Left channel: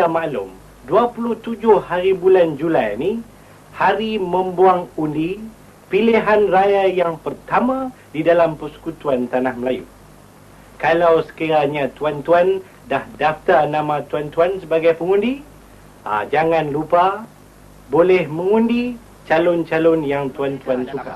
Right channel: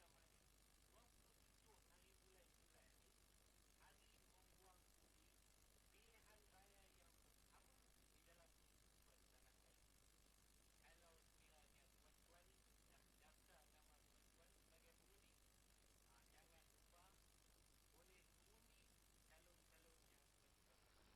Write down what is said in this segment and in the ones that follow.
sedia maklum, 27 hari bulan Julai ni, hari membuang undi pilihan raya yang pertama di dalam Persekutuan Tanah Melayu. Kalau sekiranya tuan-tuan dah daftar nama tuan-tuan sebagai pengundi, jangan lupa boleh mengundi calon-calon yang tuan-tuan suka.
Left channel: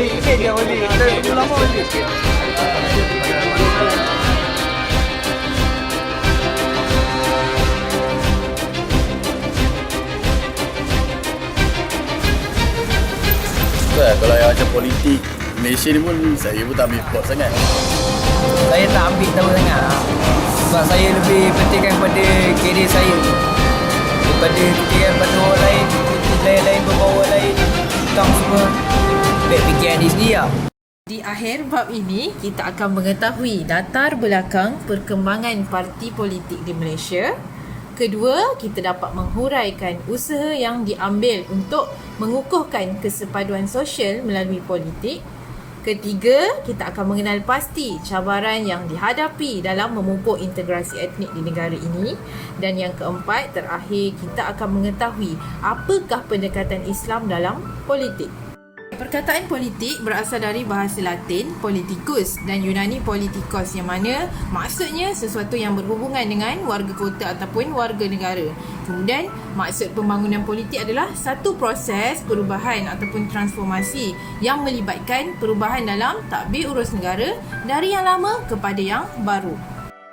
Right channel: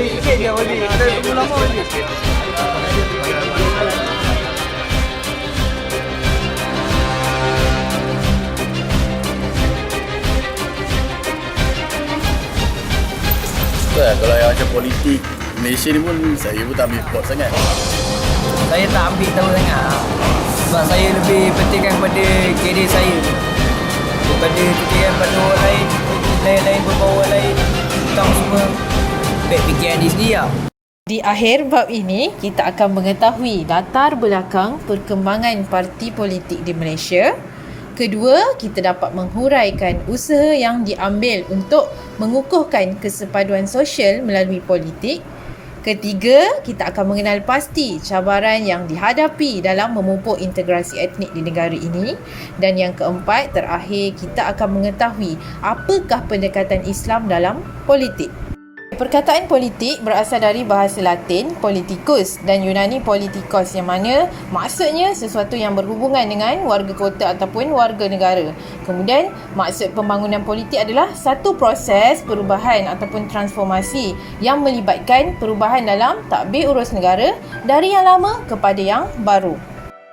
Sikit je Wali, kita tunggu lama Wali. Kalau yang macam politik Malaysia ni pun saya pun tak ambil pot sangat. Saya tak ambil tahu sangat sebab saya lebih pentingkan pada kerjaya saya daripada fikirkan pada orang lain, lain-lain berbau orang lain, hutang semua. Baik fikiran diri sendiri lah. Di akhir bab ini, kita akan mengetahui latar belakang perkembangan parti politik di Malaysia. Kedua, kita dapat menghuraikan usaha yang diambil untuk mengukuhkan kesepaduan sosial melalui politik. Ketiga, kita akan mengenal pasti cabaran yang dihadapi dalam memupuk integrasi etnik di negara ini. Dan yang keempat, terakhir, kita akan mengetahui apakah pendekatan Islam dalam politik. Perkataan politik berasal dari bahasa Latin politicus dan Yunani politikos, yang mana maksudnya sesuatu yang berhubungan dengan warga kota ataupun warga negara. Kemudian maksud pembangunan politik adalah satu proses perubahan ataupun transformasi yang melibatkan perubahan dalam tadbir urus negara dari yang lama kepada yang baru.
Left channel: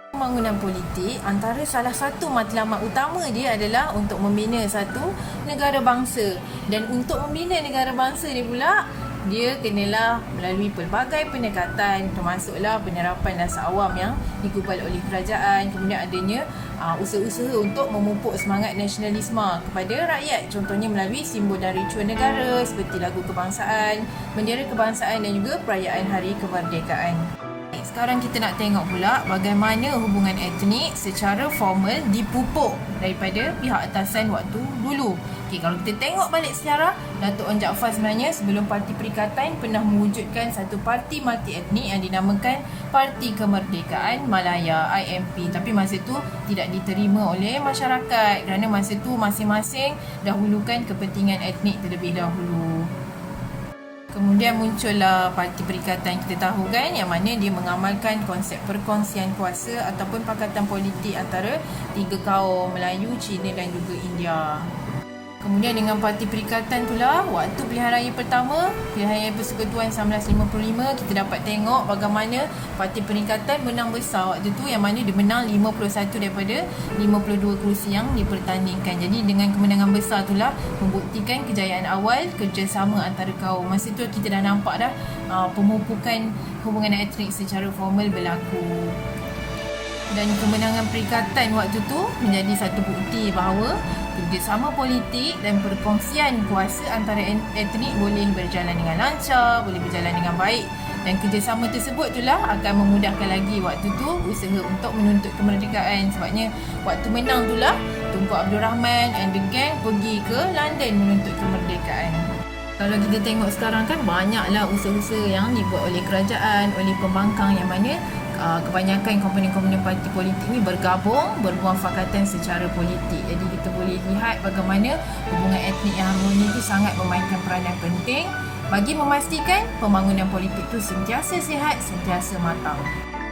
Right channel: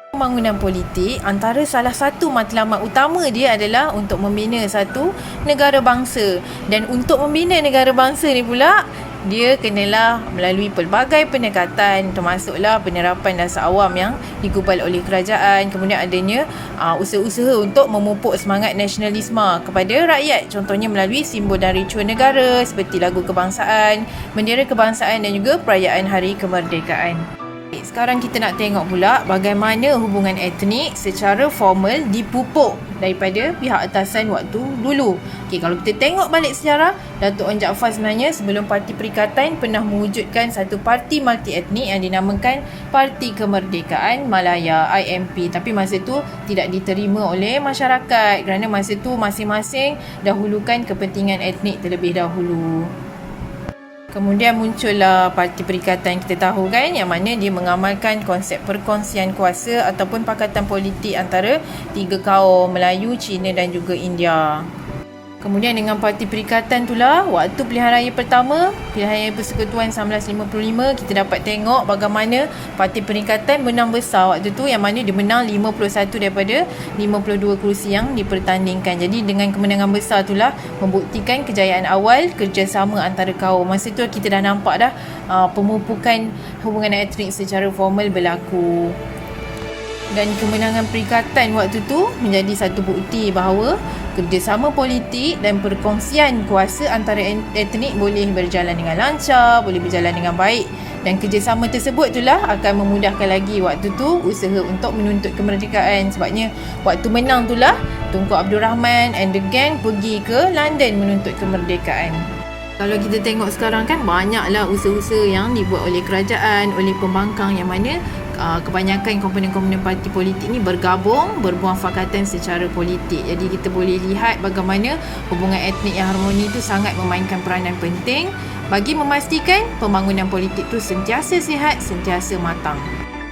Pembangunan politik, antara salah satu matlamat utama dia adalah untuk membina satu negara bangsa. Dan untuk membina negara bangsa ni pula, dia kenalah melalui pelbagai pendekatan, termasuklah penerapan dasar awam yang digubal oleh kerajaan. Kemudian adanya usaha-usaha untuk memupuk semangat nasionalisme kepada rakyat, contohnya melalui simbol dan ritual negara seperti lagu kebangsaan, bendera kebangsaan dan juga perayaan Hari Kemerdekaan. Sekarang kita nak tengok pula bagaimana hubungan etnik secara formal dipupuk daripada pihak atasan waktu dulu. Okey, kalau kita tengok balik sejarah, Datuk Wan Jaafar sebenarnya sebelum Parti Perikatan pernah mewujudkan satu parti multi etnik yang dinamakan Parti Kemerdekaan Malaya IMP. Tapi masa tu tidak diterima oleh masyarakat kerana masa tu masing-masing dahulukan kepentingan etnik terlebih dahulu. Kemudian muncullah Parti Perikatan, kita tahu kan, yang mana dia mengamalkan konsep perkongsian kuasa ataupun pakatan politik antara tiga kaum, Melayu, Cina dan juga India. Kemudian dengan Parti Perikatan itulah, waktu pilihan raya pertama, pilihan raya Persekutuan 1955, kita dapat tengok bagaimana Parti Perikatan menang besar waktu tu, yang mana dia menang 51 daripada 52 kerusi yang dipertandingkan. Jadi dengan kemenangan besar itulah membuktikan kejayaan awal kerjasama antara kaum. Masa tu kita dah nampak dah pemupukan hubungan etnik secara formal berlaku. Dan kemenangan Perikatan waktu tu menjadi satu bukti bahawa kerjasama politik dan perkongsian kuasa antara etnik boleh berjalan dengan lancar, boleh berjalan dengan baik. Dan kerjasama tersebut itulah akan memudahkan lagi waktu tu usaha untuk menuntut kemerdekaan. Sebabnya waktu menang itulah Tunku Abdul Rahman and the gang pergi ke London menuntut kemerdekaan. Kalau kita tengok sekarang kan, banyaklah usaha-usaha yang dibuat oleh kerajaan, oleh pembangkang, yang mana kebanyakan komponen-komponen parti politik ni bergabung, bermuafakatan secara politik. Jadi kita boleh lihat bagaimana hubungan etnik yang harmoni itu sangat memainkan peranan penting bagi memastikan pembangunan politik tu sentiasa sihat, sentiasa matang.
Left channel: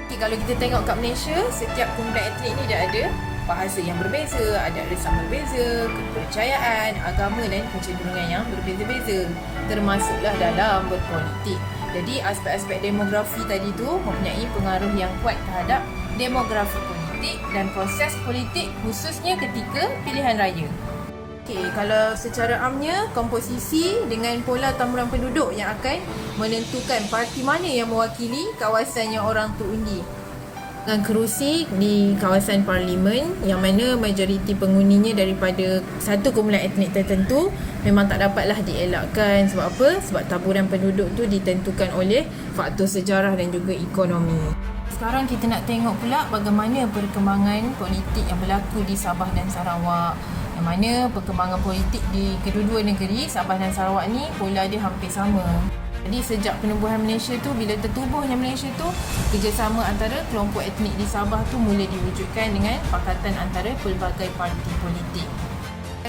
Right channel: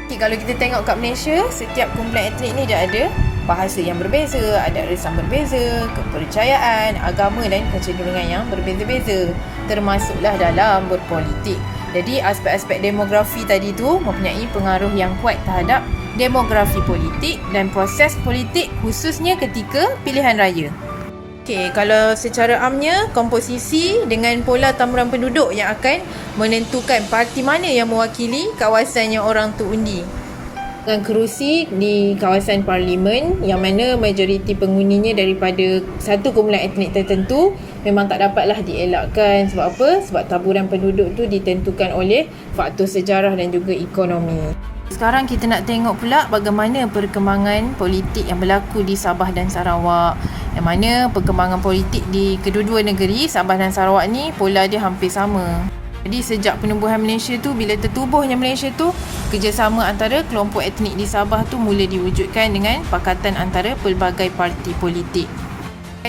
Okay, kalau kita tengok kat Malaysia, setiap kumpulan etnik ni dia ada bahasa yang berbeza, ada arisan berbeza, kepercayaan, agama dan kecenderungan yang berbeza-beza, termasuklah dalam berpolitik. Jadi aspek-aspek demografi tadi tu mempunyai pengaruh yang kuat terhadap demografi politik dan proses politik khususnya ketika pilihan raya. Okey, kalau secara amnya komposisi dengan pola tamuran penduduk yang akan menentukan parti mana yang mewakili kawasan yang orang tu undi. Dengan kerusi di kawasan parlimen yang mana majoriti penghuninya daripada satu kumpulan etnik tertentu memang tak dapatlah dielakkan. Sebab apa? Sebab taburan penduduk tu ditentukan oleh faktor sejarah dan juga ekonomi. Sekarang kita nak tengok pula bagaimana perkembangan politik yang berlaku di Sabah dan Sarawak. Yang mana perkembangan politik di kedua-dua negeri, Sabah dan Sarawak ni pola dia hampir sama. Jadi sejak penubuhan Malaysia tu, bila tertubuhnya Malaysia tu, kerjasama antara kelompok etnik di Sabah tu mula diwujudkan dengan pakatan antara pelbagai parti politik.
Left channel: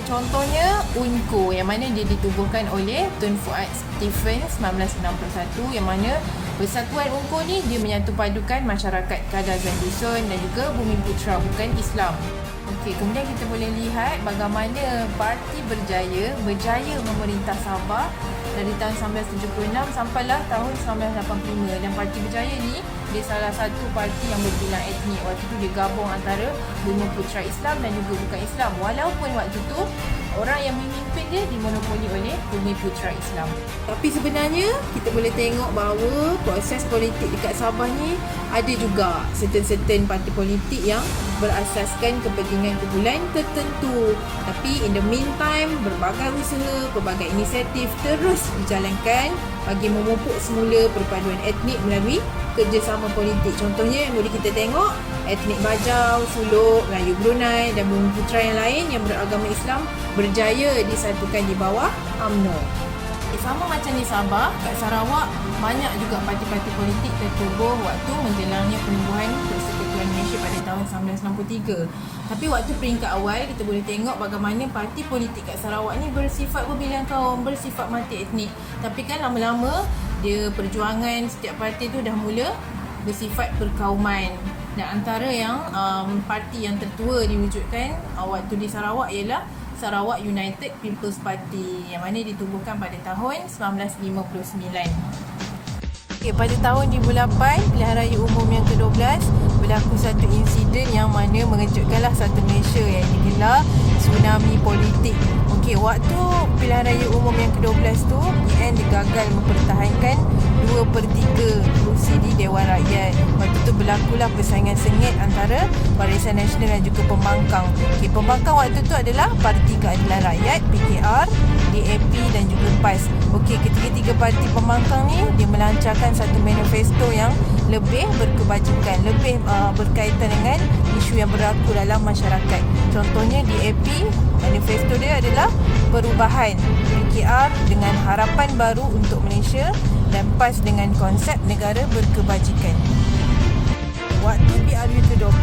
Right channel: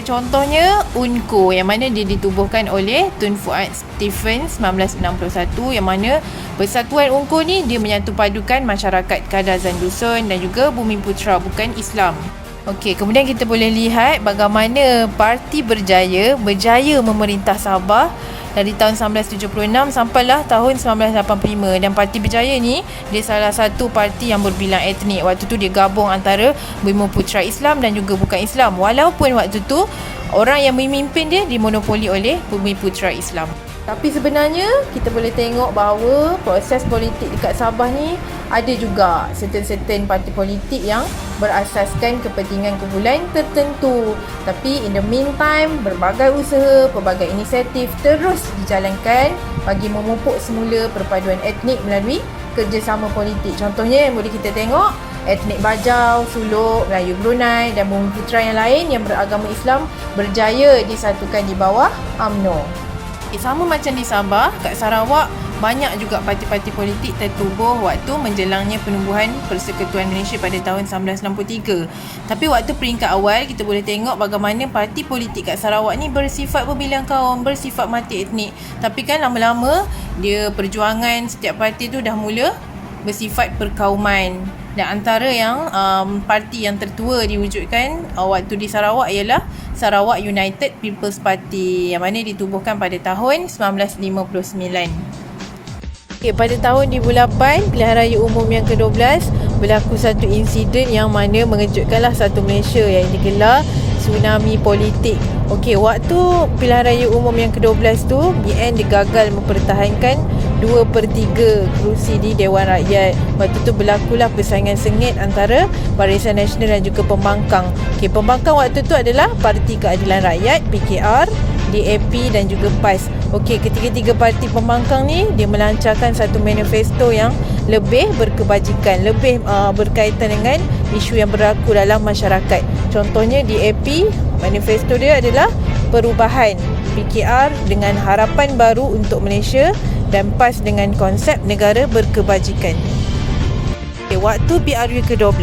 Contohnya UNCO yang mana dia ditubuhkan oleh Tun Fuad Stephen 1961, yang mana persatuan UNCO ni dia menyatu padukan masyarakat Kadazan Dusun dan juga Bumiputera bukan Islam. Okey, kemudian kita boleh lihat bagaimana parti berjaya memerintah Sabah dari tahun 1976 sampailah tahun 1985, dan Parti Berjaya ni dia salah satu parti yang berbilang etnik. Waktu tu dia gabung antara Bumiputera Islam dan juga bukan Islam, walaupun waktu tu orang yang memimpin dia dimonopoli oleh Bumiputera Islam. Tapi sebenarnya kita boleh tengok bahawa proses politik dekat Sabah ni ada juga certain parti politik yang berasaskan kepentingan kumpulan tertentu. Tapi in the meantime, berbagai usaha, pelbagai inisiatif terus dijalankan bagi memupuk semula perpaduan etnik melalui kerjasama politik. Contohnya yang boleh kita tengok, etnik Bajau, Suluk, Melayu Brunei dan Bumiputera yang lain yang beragama Islam berjaya disatukan di bawah UMNO. Sama macam di Sabah, kat Sarawak banyak juga parti-parti politik tertubuh waktu menjelangnya penubuhan Persekutuan Malaysia pada tahun 1963. Tapi waktu peringkat awal kita boleh tengok bagaimana parti politik kat Sarawak ni bersifat berbilang kaum, bersifat multi etnik. Tapi kan lama-lama dia perjuangan setiap parti tu dah mula bersifat perkauman. Dan antara yang parti yang tertua diwujudkan waktu di Sarawak ialah Sarawak United People's Party yang mana ditubuhkan pada tahun 1959. Okay, pada tahun 2008, pilihan raya umum yang ke-12, berlaku satu insiden yang mana mengejutkanlah satu Malaysia yang digelar tsunami politik. Okey, waktu pilihan raya umum yang ke-12 tu, BN digagal mempertahankan 2/3 kerusi di Dewan Rakyat. Waktu tu berlakulah persaingan sengit antara Barisan Nasional dan juga Pembangkang. Okey, Pembangkang waktu tu adalah Parti Keadilan Rakyat, PKR, DAP dan juga PAS. Okey, ketiga-tiga parti pembangkang ni dia melancarkan satu manifesto yang lebih berkebajikan, lebih berkaitan dengan isu yang berlaku dalam masyarakat. Contohnya DAP, manifesto dia adalah perubahan, PKR dengan harapan baru untuk Malaysia dan PAS dengan konsep negara berkebajikan. Okay, waktu PRU ke-12,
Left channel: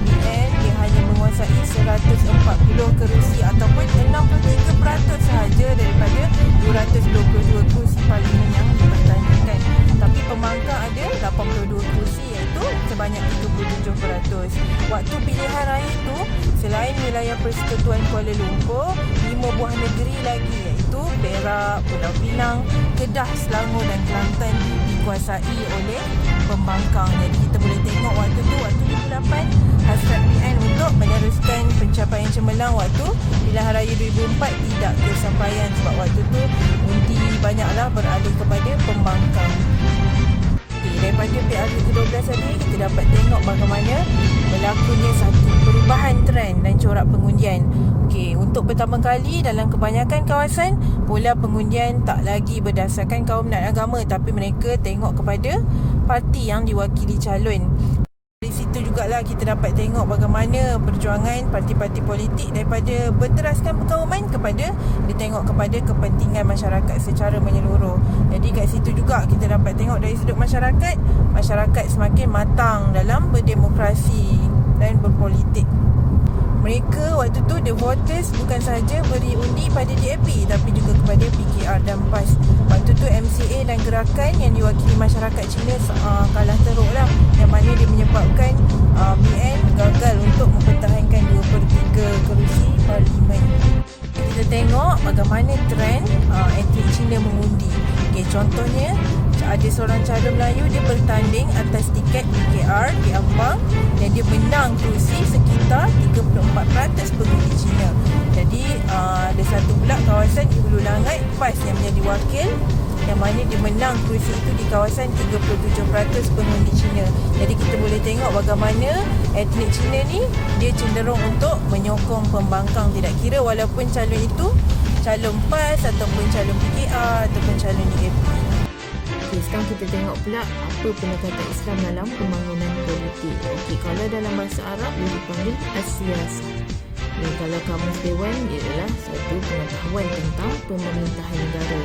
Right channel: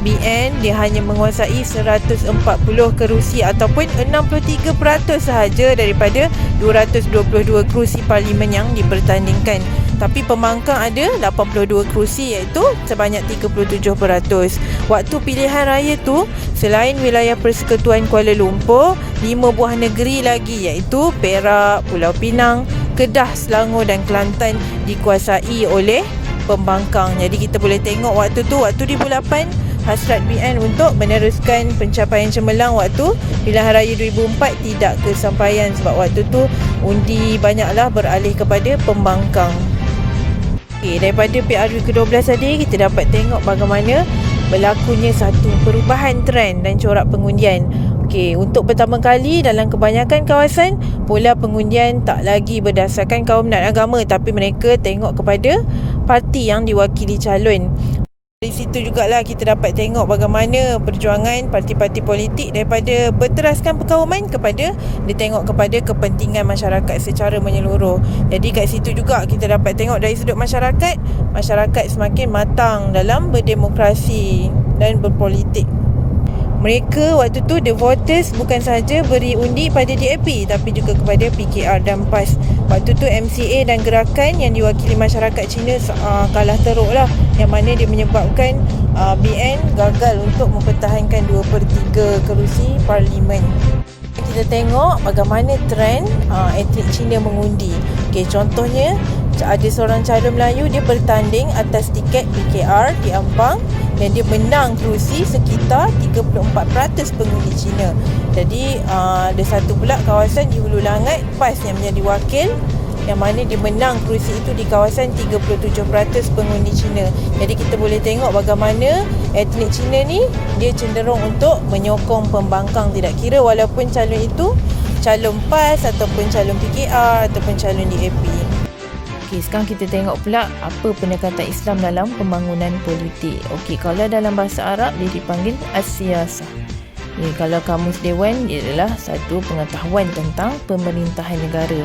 BN dia hanya menguasai 140 kerusi ataupun 63% sahaja daripada 222 kerusi parlimen yang dipertandingkan. Tapi pembangkang ada 82 kerusi iaitu sebanyak 37%. Waktu pilihan raya tu, selain wilayah Persekutuan Kuala Lumpur, 5 buah negeri lagi iaitu Perak, Pulau Pinang, Kedah, Selangor dan Kelantan dikuasai oleh pembangkang. Jadi kita boleh tengok waktu 2008 hasrat BN untuk meneruskan pencapaian cemerlang waktu pilihan raya 2004 tidak kesampaian sebab waktu tu undi banyaklah beralih kepada pembangkang. Okay, daripada PRU ke-12 tadi kita dapat tengok bagaimana berlakunya satu perubahan trend dan corak pengundian. Okey, untuk pertama kali dalam kebanyakan kawasan, pola pengundian tak lagi berdasarkan kaum dan agama tapi mereka tengok kepada parti yang diwakili calon. Dari situ jugalah kita dapat tengok bagaimana perjuangan parti-parti politik daripada berteraskan perkauman kepada dia tengok kepada kepentingan masyarakat secara menyeluruh. Jadi kat situ juga kita dapat tengok dari sudut masyarakat semakin matang dalam berdemokrasi dan berpolitik. Mereka waktu tu the voters bukan sahaja beri undi pada DAP tapi juga kepada PKR dan PAS. Waktu tu MCA dan gerakan yang diwakili masyarakat Cina kalah teruk lah, yang mana dia menyebabkan BN gagal untuk mempertahankan 2/3 kerusi parlimen. Kita tengok bagaimana trend etnik Cina mengundi. Okey, contohnya ada seorang cara Melayu, dia bertanding atas tiket di KR, di Ampang, dan dia menang kerusi sekitar 34% pengundi Cina. Jadi ada satu pula kawasan di Hulu Langat PAS yang menjadi wakil, yang mana dia menang kerusi itu di kawasan 37% pengundi Cina. Jadi kita boleh tengok bagaimana etnik Cina ni dia cenderung untuk menyokong pembangkang, tidak kira walaupun calon itu calon PAS ataupun calon PKR ataupun calon DAP. Okey, sekarang kita tengok pula apa pendekatan Islam dalam pembangunan politik. Okey, kalau dalam bahasa Arab dia dipanggil as-siyasah. Ni kalau kamus dewan, dia adalah satu pengetahuan tentang pemerintahan negara.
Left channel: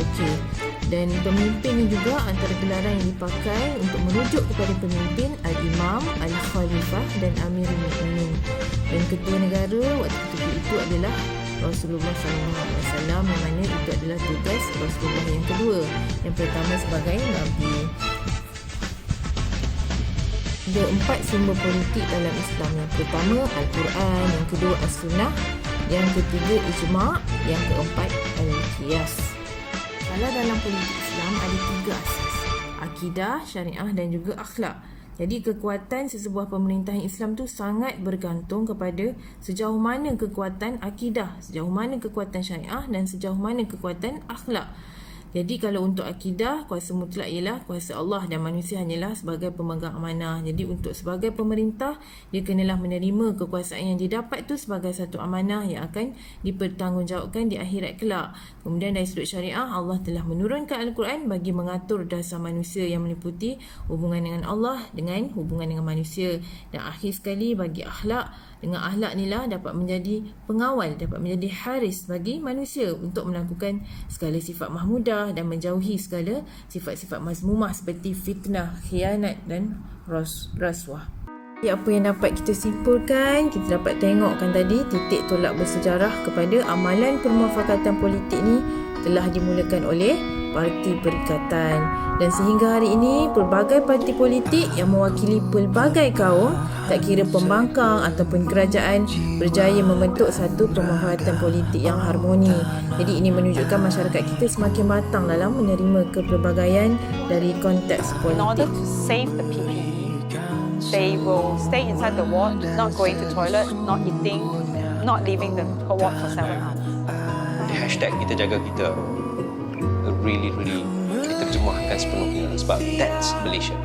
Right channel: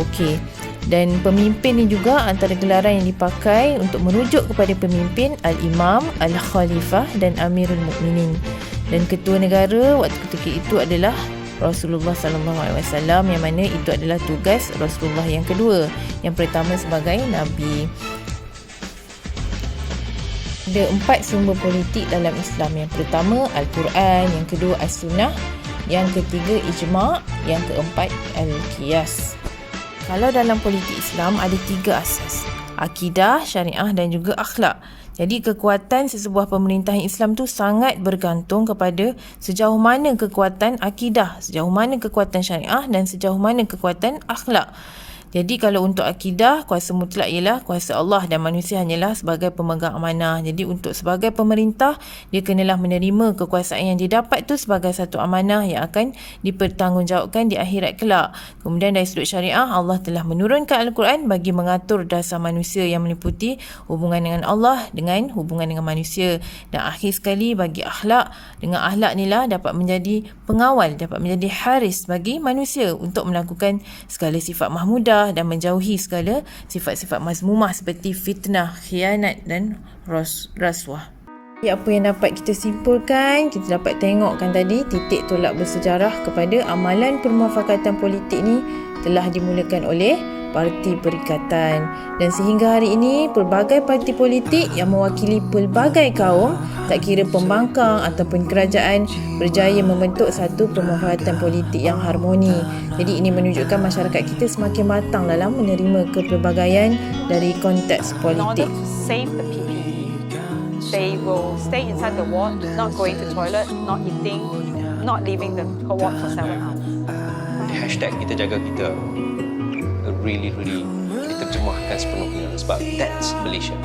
Okey. Dan pemimpin ni juga antara gelaran yang dipakai untuk merujuk kepada pemimpin al-imam, al-khalifah dan amirul mukminin. Dan ketua negara waktu ketika itu adalah Rasulullah SAW, yang mana itu adalah tugas Rasulullah yang kedua. Yang pertama sebagai nabi. Ada 4 sumber politik dalam Islam. Yang pertama Al-Quran, yang kedua As-Sunnah, yang ketiga Ijma', yang keempat Al-Qiyas. Kalau dalam politik Islam ada 3 asas: akidah, syariah dan juga akhlak. Jadi kekuatan sesebuah pemerintahan Islam tu sangat bergantung kepada sejauh mana kekuatan akidah, sejauh mana kekuatan syariah dan sejauh mana kekuatan akhlak. Jadi kalau untuk akidah, kuasa mutlak ialah kuasa Allah dan manusia hanyalah sebagai pemegang amanah. Jadi untuk sebagai pemerintah, dia kenalah menerima kekuasaan yang didapat tu sebagai satu amanah yang akan dipertanggungjawabkan di akhirat kelak. Kemudian dari sudut syariah, Allah telah menurunkan Al-Quran bagi mengatur dasar manusia yang meliputi hubungan dengan Allah dengan hubungan dengan manusia. Dan akhir sekali bagi akhlak, dengan akhlak inilah dapat menjadi pengawal, dapat menjadi haris bagi manusia untuk melakukan segala sifat mahmudah dan menjauhi segala sifat-sifat mazmumah seperti fitnah, khianat dan rasuah. Apa yang dapat kita simpulkan, kita dapat tengokkan tadi titik tolak bersejarah kepada amalan permufakatan politik ni telah dimulakan oleh Parti Perikatan, dan sehingga hari ini pelbagai parti politik yang mewakili pelbagai kaum, tak kira pembangkang ataupun kerajaan, berjaya membentuk satu permufakatan politik yang harmoni. Jadi ini menunjukkan masyarakat kita semakin matang dalam menerima kepelbagaian dari konteks In order politik. to save the PPE, they will stay inside the ward, not going to toilet, not eating, not leaving the ward for 7 hours. Hashtag kita jaga kita really, really diterjemahkan sepenuhnya sebab that's Malaysia.